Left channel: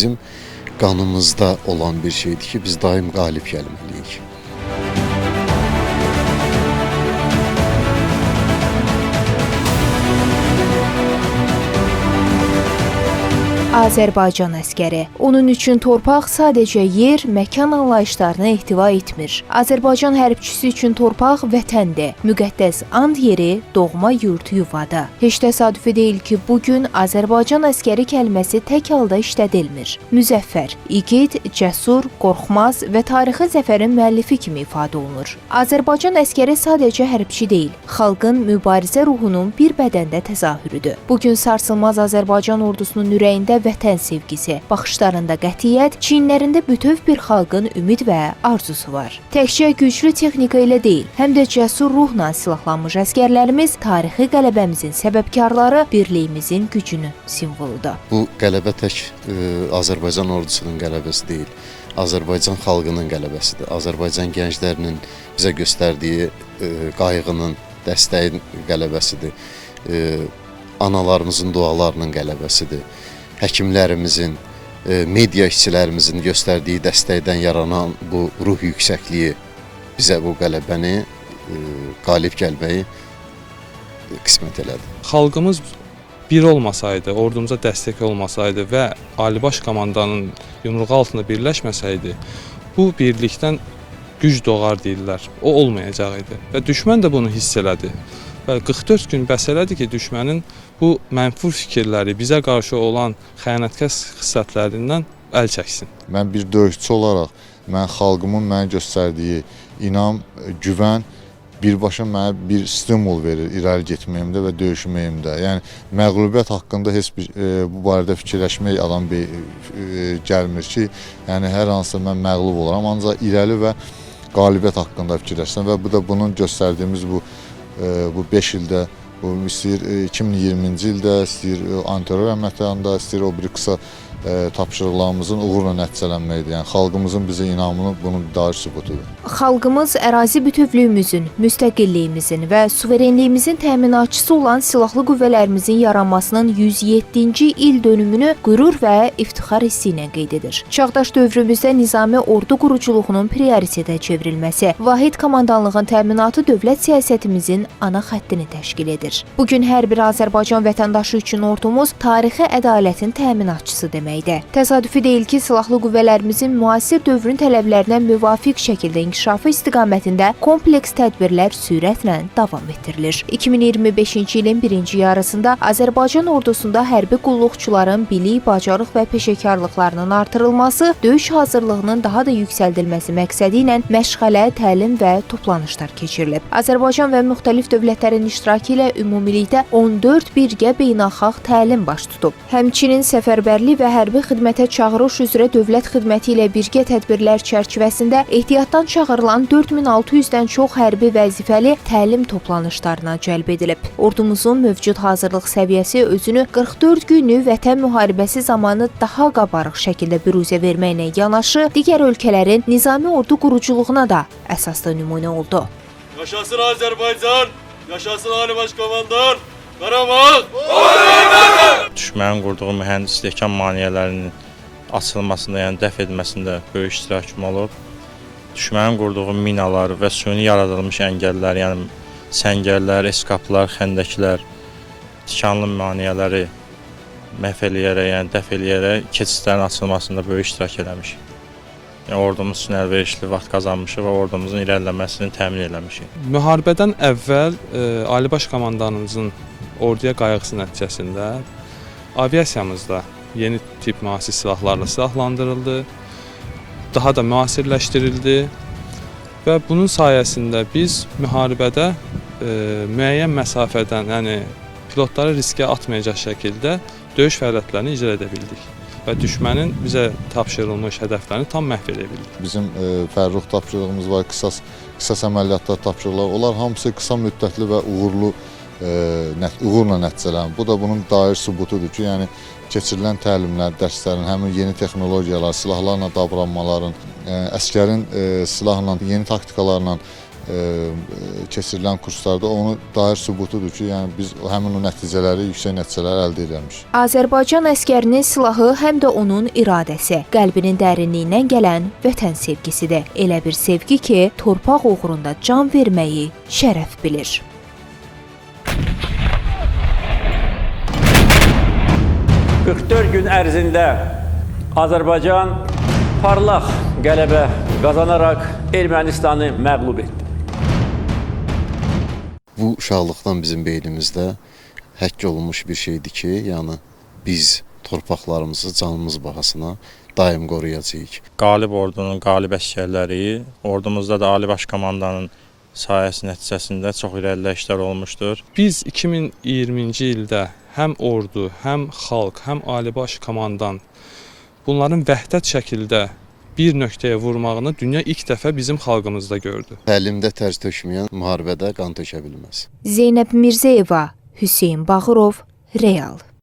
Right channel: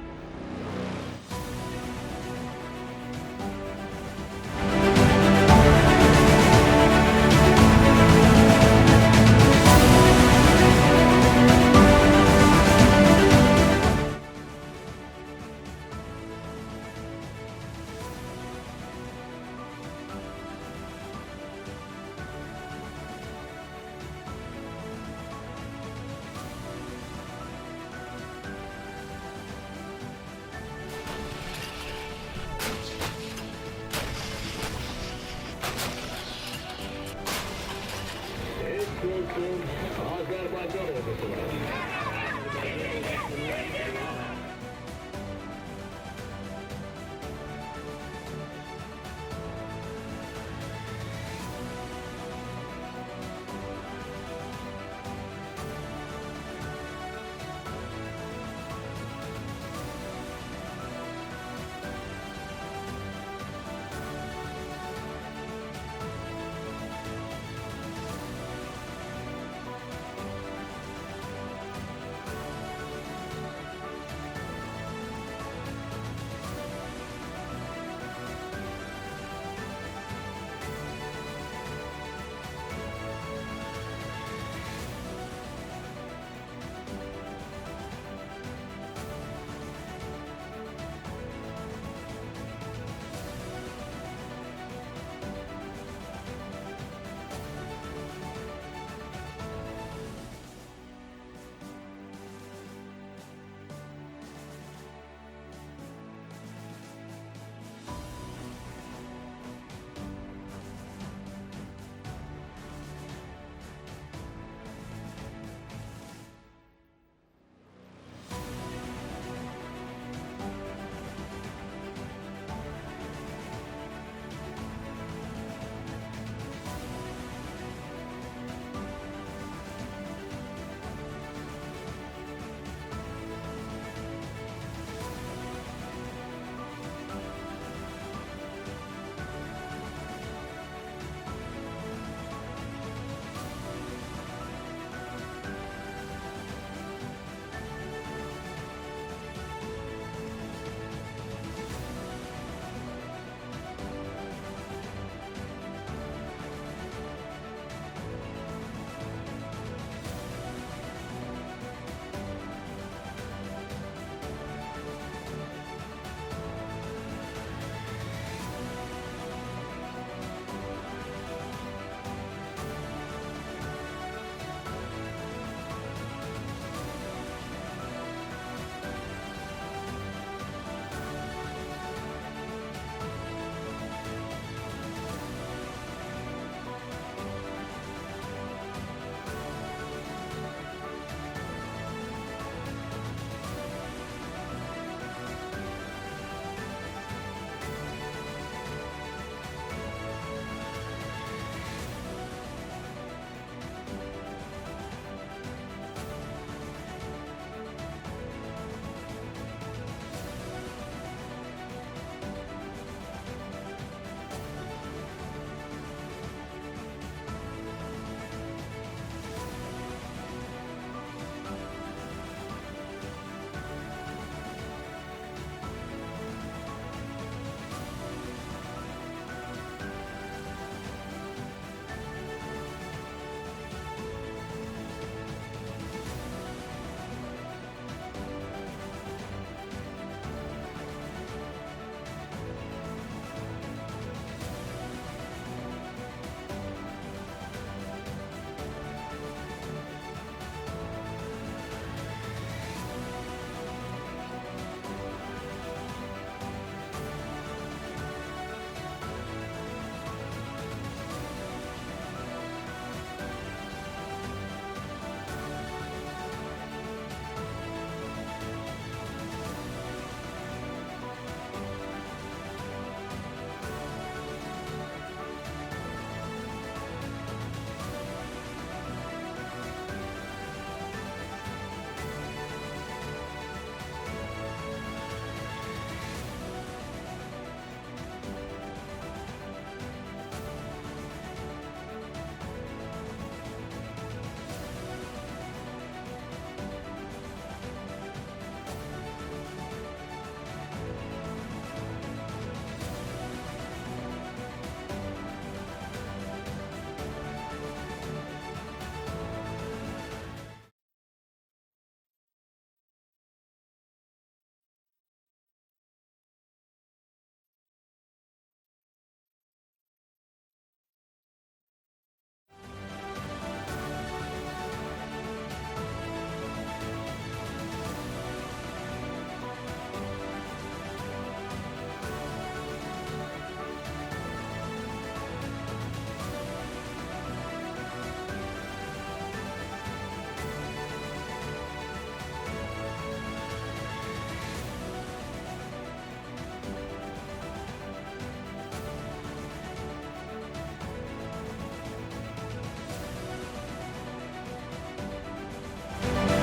bizim qanımızda olan bir şeydir ki, biz daim qalib gəlməliyik. Azərbaycan əskəri. Onun üçün torpaq sadəcə yer, məkan anlayışlarını ehtiva etmir. Azərbaycan hərbçisi üçün torpaq vətəndir. Müqəddəs and yeri, doğma yurd yuvadır. Heç təsadüfi deyil ki, bugün Azərbaycan əskəri kəlməsi tək halda işlədilmir. Müzəffər, igid, cəsur, qorxmaz və tarixi zəfərin müəllifi kimi ifadə olunur. Azərbaycan əskəri sadəcə hərbçi deyil, xalqın mübarizə ruhunun bir bədəndə təzahürüdür. Bugün sarsılmaz Azərbaycan ordusunun ürəyində vətən sevgisi, baxışlarında qətiyyət, çiyinlərində bütöv bir xalqın ümid və arzusu var. Təkcə güclü texnika ilə deyil, həm də cəsur ruhla silahlanmış əskərlərimiz tarixi qələbəmizin səbəbkarları, birliyimizin gücünün simvoludur. Bu qələbə tək Azərbaycan ordusunun qələbəsi deyil, Azərbaycan xalqının qələbəsidir. Azərbaycan gənclərinin bizə göstərdiyi qayğının, dəstəyin qələbəsidir. Analarımızın dualarının qələbəsidir. Həkimlərimizin, media işçilərimizin göstərdiyi dəstəkdən yaranan bu ruh yüksəkliyi bizə bu qələbəni, qalib gəlməyi qismət elədi. Xalqımız bir olmasaydı, ordumuza dəstək olmasaydı və Ali Baş Komandanın yumruğu altında birləşməsəydi, bu birlikdən güc doğar deyirlər. O olmayacaq idi və düşmən də bunu hiss elədi. Və 44 gün bəs elədi ki, düşmənin bu mənfur fikirləri, bizə qarşı olan xəyanətkar xislatlarından əl çəksin. Mən bir döyüşçü olaraq, xalqımın mənə göstərdiyi inam, güvən birbaşa mənə bir stimul verir irəli getməyimdə və döyüşməyimdə. Yəni məğlubiyyət haqqında heç bir bu barədə fikirləşmək adam gəlmir ki, yəni hər hansısa mən məğlub olaram, ancaq irəli və qalibiyyət haqqında fikirləşirəm və bu da bunun göstərdiyimiz bu 5 ildə, istəyir 2020-ci ildə, istəyir antiterror əməliyyatlarında, istəyir o bir qısa tapşırıqlarımızın uğurla nəticələnməkdir. Yəni xalqımızın bizə inamının bunun dair sübutudur. Xalqımız ərazi bütövlüyümüzün, müstəqilliyimizin və suverenliyimizin təminatçısı olan silahlı qüvvələrimizin yaranmasının 107-ci il dönümünü qürur və iftixar hissi ilə qeyd edir. Çağdaş dövrümüzdə nizami ordu quruculuğunun prioritetə çevrilməsi, vahid komandanlığın təminatı dövlət siyasətimizin ana xəttini təşkil edir. Bugün hər bir Azərbaycan vətəndaşı üçün ordumuz tarixi ədalətin təminatçısı deməkdir. Təsadüfi deyil ki, silahlı qüvvələrimizin müasir dövrün tələblərinə müvafiq şəkildə inkişafı istiqamətində kompleks tədbirlər sürətlə davam etdirilir. 2025-ci ilin birinci yarısında Azərbaycan ordusunda hərbi qulluqçuların bilik, bacarıq və peşəkarlıqlarının artırılması, döyüş hazırlığının daha da yüksəldilməsi məqsədi ilə məşğələ, təlim və toplanışlar keçirilib. Azərbaycan və müxtəlif dövlətlərin iştirakı ilə ümumilikdə 14 birgə beynəlxalq təlim baş tutub. Həmçinin səfərbərlik və hərbi xidmətə çağırış üzrə dövlət xidməti ilə birgə tədbirlər çərçivəsində ehtiyatdan çağırılan 4600-dən çox hərbi vəzifəli təlim toplanışlarına cəlb edilib. Ordumuzun mövcud hazırlıq səviyyəsi özünü 44 günlük vətən müharibəsi zamanı daha qabarıq şəkildə büruzə verməklə yanaşı, digər ölkələrin nizami ordu quruculuğuna da əsaslı nümunə oldu. Yaşasın Azərbaycan, yaşasın Ali Baş Komandan, Qarabağ! Düşmənin qurduğu mühəndislik maneələrinin açılmasında, yəni dəf edməsində böyük iştirakım olub. Düşmənin qurduğu minalar və süni yaradılmış əngəllər, yəni səngərlər, eskaplar, xəndəklər, tikanlı maneələri məhv eləyərək, yəni dəf eləyərək keçidlərin açılmasında böyük iştirak eləmişik. Yəni ordumuz üçün əlverişli vaxt qazanmışıq və ordumuzun irəliləməsini təmin eləmişik. Müharibədən əvvəl Ali Baş Komandanımızın orduya qayğısı nəticəsində aviasiyamızda yeni tip müasir silahlarla silahlandırıldı, daha da müasirləşdirildi və bunun sayəsində biz müharibədə müəyyən məsafədən, yəni pilotları riskə atmayacaq şəkildə döyüş fəaliyyətlərini icra edə bildik və düşmənin bizə tapşırılmış hədəflərini tam məhv edə bildik. Bizim fərruh tapşırığımız var, qisas əməliyyatlar tapşırıqlar. Onlar hamısı qısa müddətli və uğurla nəticələnir. Bu da bunun dair sübutudur ki, yəni keçirilən təlimlər, dərslərin, həmin yeni texnologiyalar, silahlarla davranmaların, əskərin silahla, yeni taktikalarla keçirilən kurslarda onu dair sübutudur ki, yəni biz həmin o nəticələri, yüksək nəticələr əldə etmişik. Azərbaycan əskərinin silahı həm də onun iradəsi, qəlbinin dərinliyindən gələn vətən sevgisidir. Elə bir sevgi ki, torpaq uğrunda can verməyi şərəf bilir. Gün ərzində Azərbaycan parlaq qələbə qazanaraq Ermənistanı məğlub etdi. Bu uşaqlıqdan bizim beynimizdə həkk olunmuş bir şeydir ki, yəni biz torpaqlarımızı canımız bahasına daim qoruyacağıq. Qalib ordunun qalib əsgərləri, ordumuzda da Ali Baş Komandanın sayəsi nəticəsində çox irəliləyişlər olmuşdur. Biz 2020-ci ildə həm ordu, həm xalq, həm Ali Baş Komandan bunların vəhdət şəkildə bir nöqtəyə vurmağını dünya ilk dəfə bizim xalqımızda gördü. Təlimdə tərz tökməyən müharibədə qan tökə bilməz. Zeynəb Mirzəyeva, Hüseyn Bağırov, Real.